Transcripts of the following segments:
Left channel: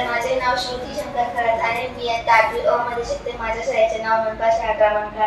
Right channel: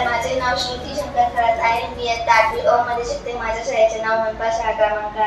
माझे नाव श्रुती शंकर खरात आहे मी आता आठवी अ मध्ये शिकते माझ्या शाळेचे नाव मनपा शाळा क्रमांक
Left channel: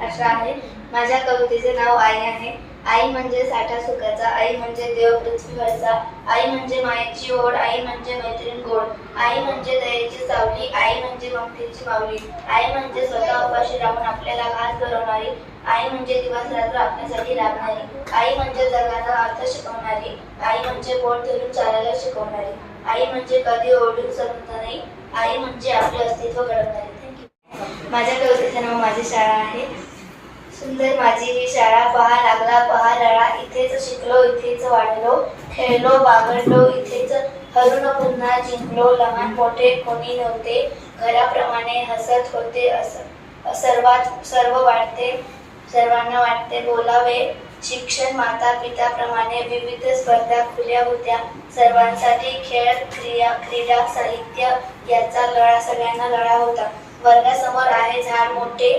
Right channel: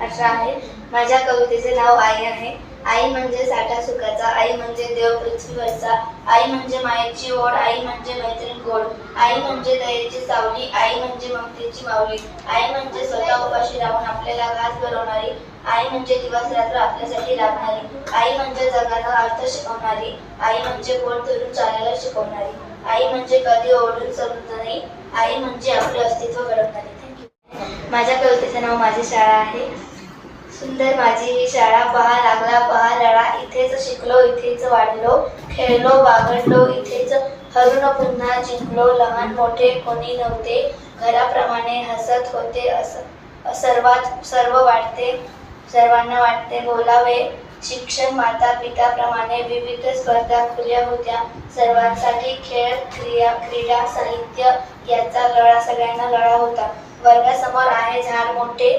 अठरा आहे माझ्या कवितेचे नाव आई आहे आई म्हणजे साठा सुखाचा आई म्हणजे देव पृथ्वीवरचा आई म्हणजे मायेची ओढ आई म्हणजे मैत्रीण गोड आई म्हणजे दयेची सावली आई म्हणजे ममतेची माऊली आई म्हणजे स्वतः उपाशी राहून आपल्याला घास भरवणारी आई म्हणजे दिवस रात्र आपल्यासाठी राबणारी आई म्हणजे जगाला अर्थ शिकवणारी आई म्हणजे पोट धरून चालायला शिकवणारी आई म्हणजे कधी ओढून समजत नाही. आई म्हणजे आपले अस्तित्व घडवणारी थँक्यू माझ्या कवितेचं नाव माझी शाळा आहे. सुंदर माझी ही शाळा पहा लागला पहा लळा. इथेच शिकलो इथेच वाढलो खेळलो बागडलो इथेच हरून पुन्हा जिंकलो. लहान मोठे कोणी नव्हते. घराप्रमाणे हसत होते. असं सर्वात सर्व वाटते. सर्वांना वाटते बोलावे. शिक्षण माता पिताप्रमाणे विविध स्पर्धा खुल्या होत्या. सर्वांसाठी खेळ क्रिया क्रीडा साहित्य याचा लढा सगळ्यांना लढा होता. वर्गासमोर आहे झाड मोठे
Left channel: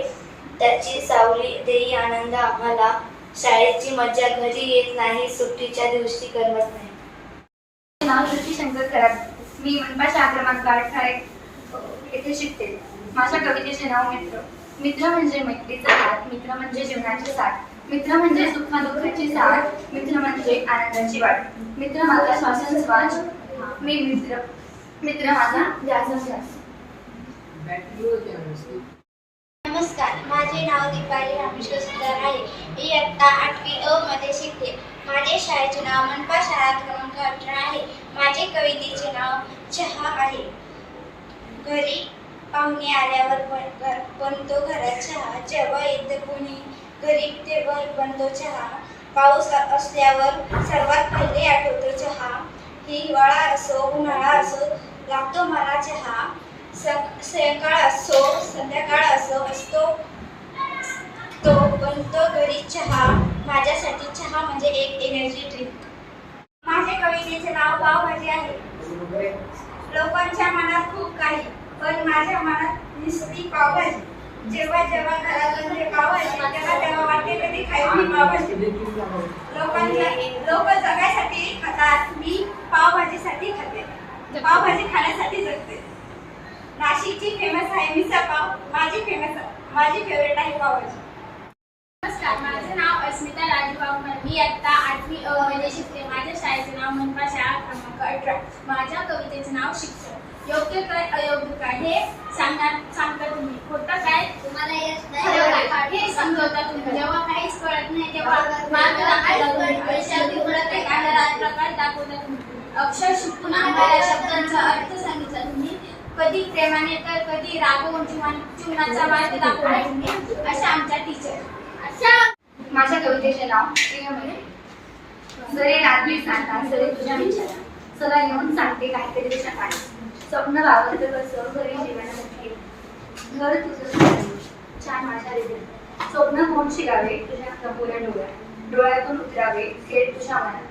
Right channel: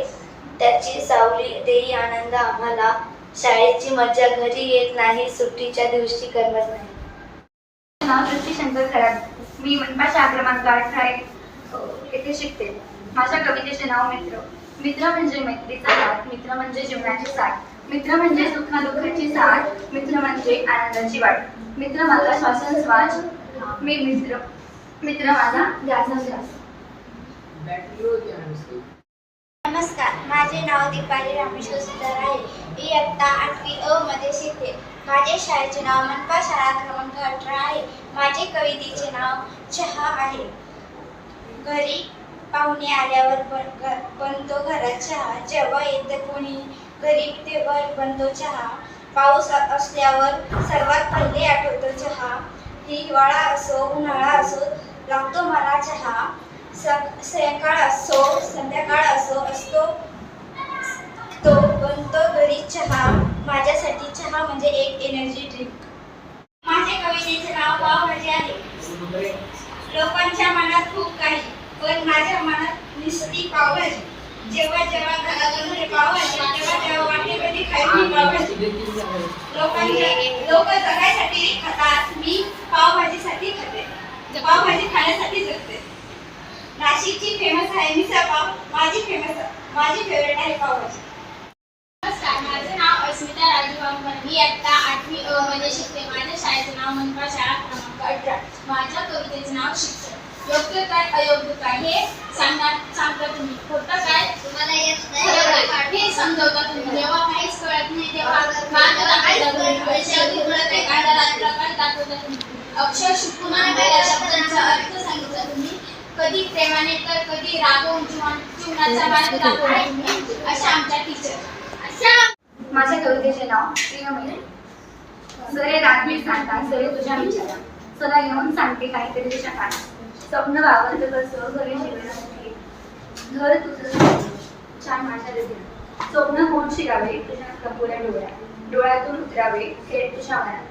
त्याची सावली देई आनंद आम्हाला. शाळेची मज्जा घरी येत नाही सुट्टीच्या दिवशी करमत नाही. नाव श्रुती शंकर खराब मी मनपा शाळा क्रमांक अठरा एक येथे शिकते. माझ्या कवितेचे नाव मित्र. मित्र म्हणजे मैत्रीचा हात मित्र म्हणजे जीवनाची साथ. मित्र म्हणजे सुखदुःखाची साथ मित्र म्हणजे आनंदाची वाट. मित्र माझा श्वासोश्वास मी मित्र. मित्र माझा ध्यासोश्वास नमस्कार माझे नाव दीपाली रामेश्वर सुंदर आहे. मी इयत्ता आठवी अ मध्ये शिकते माझे शाळेचे नाव मनपा शाळा क्रमांक अठरा आहे. माझे कवितेचे नाव चहा आहे. घरी पाहुणे आल्यावर बन बनतो घरात चहा? जेव्हा येतं कोणी घरी तेव्हा बनतो चहा पाऊस असल्यावर सर्वात पहिले आठवतो चहा. हिवाळा असो उन्हाळा असो लागतो मला चहा. सकाळ असो संध्याकाळ असो असतो. तो बनतो घरी चहा. माझ्यासाठी चहा म्हणजे एक एनर्जी ड्रिंक माझे कवितेचे नाव पावभाजी आहे. लोकांच्या मनात खूप काही पण माझ्या मनात नुसती पावभाजी. जेव्हा जेव्हा घरातून हे पावायचे तेव्हा तेव्हा वाटते कधी खायची मी पावभाजी लोकांच्या लोक जगायसाठी खातात मी पावभाजीसाठी खाते. पावभाजी खाण्यासाठी जगते. नाशिकची फेमस आहे मिसळ पाव माझी फेमस माझी फेवरेट आहे पावभाजी. नमस्कार माझं नाव अस्मिता राजू मी आत्ता आठवी अ मध्ये शिकते. माझ्या शाळेचं नाव मनपा शाळा क्रमांक अठरा. माझ्या कवितेचं नाव शिक्षण. योग्य काय अयोग्य काय हे सांगणार सांगता तुम्ही. खोटं काय? तुम्हाला काय? हे समजवता तुम्ही. जेव्हा काहीच कळत नाही तेव्हा मार्ग दाखवता तुम्ही. तुम्ही. अक्षर शिकून शब्दांचा अर्थ सांगितला तुम्ही. कधी प्रेमाने तर कधी रागवून जीवन जीवनाचा मार्ग दाखवला तुम्ही. अशा आमच्या टीचर अशा माझ्या कवितेचे नाव प्रियमय सरे रात्री सांगता सरे तुझ्या विचारा सदा येऊन सांगते काहीतरी तुझ्या काय स्वप्न वावरत कसं घरी जीवनामध्ये घर तुझं छान माझ्या हृदयात. स्वप्न कोण शिरावे तुझ्या कपोऱ्या डोळ्यात. डोळ्यातून उतरावे थेट तुझ्या मनात.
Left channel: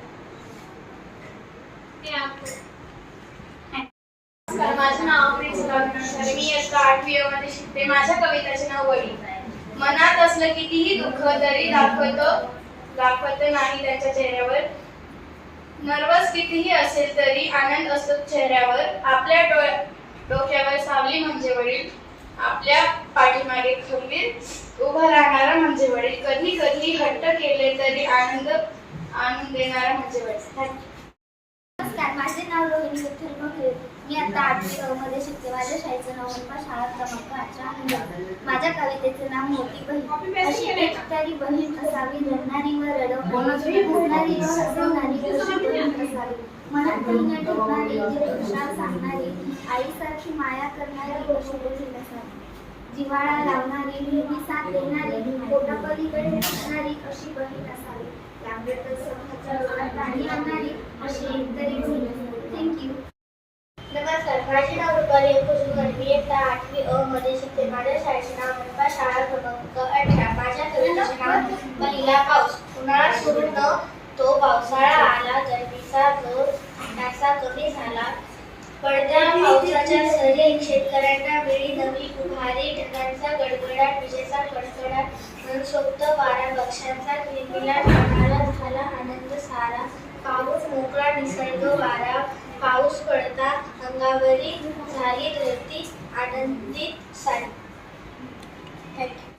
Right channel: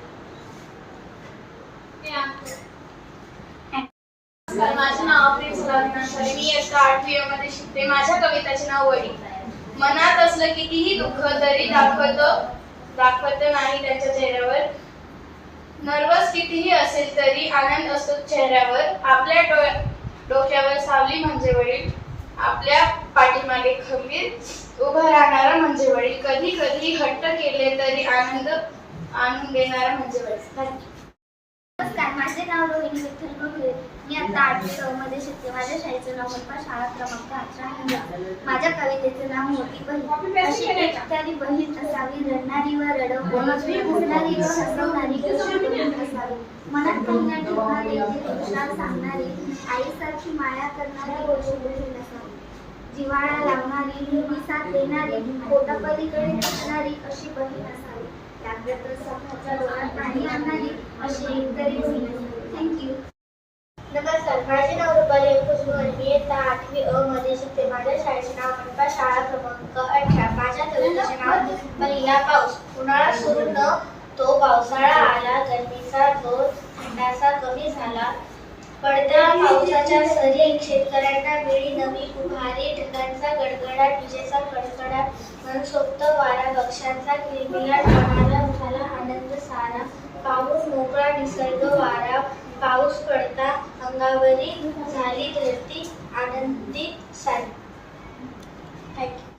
माझं नाव प्रिन्सिपल मी इयत्ता आठवी मध्ये शिकते. माझ्या कविताचे नाव वडील. मनात असलं कितीही दुःख तरी दाखवत दाखवत नाही त्यांच्या चेहऱ्यावर. नर्वस कितीही असेल तरी आनंद असतो चेहऱ्यावर. आपल्या डोळ्या डोक्यावर सावली म्हणजे वडील. आपल्या पाठीमागे खंबीर उभा राहणारा म्हणजे वडील. कधी कधी हट्ट केले तरी आनंद आणून देणारा म्हणजे वडील. Thank नमस्कार माझे नाव रोहिणी विठ्ठल बघले मी आता आठवी मध्ये शिकते. माझ्या शाळेचं नाव मनपा शाळा क्रमांक अठरा माझ्या कवितेचं नाव मोठी बहीण. अशी एकट्यारी बहीण असावी. रडणारी व रडवणारी. व हसवणारी अशी बहीण असावी मनात बहिण ठेवणारी खुशाल सांगणारी आईसारखी माया करणारी अशी बहीण असावी. जिवाळा लावणारी नेहमी साथ देणारी पोटापलीकडे असणारी अशी बहीण असावी. लागलं तर स्वतःच्या डोळ्यात पाणी आणणारी अशी एकतरी बहीण असावी. थँक्यू नमस्कार. माझे नाव रुपाली कुजमल मी इयत्ता आठवी अ मध्ये शिकते. माझ्या शाळेचे नाव मनपा शाळा क्रमांक अठरा. माझ्या कवितेचे नाव पहिला पाऊस. उन्हाळा सुरू न तो पावसाळा आला. गर्दीचा जोर थंडासा कमी झाला पडत्या पावसाच्या सरी शेतकऱ्यांना वेळी नवी उभारी ढगांचा गडगडाट विजेचा कडकडाट मनसोक्त वारा पक्ष्यांचा किलबिलाट मनाला झाला आनंद सारा. पाऊस मोकळा निसर्ग वारा. पाऊस पडता अंगावरी झाली धरती आनंदित सारी. थँक्यू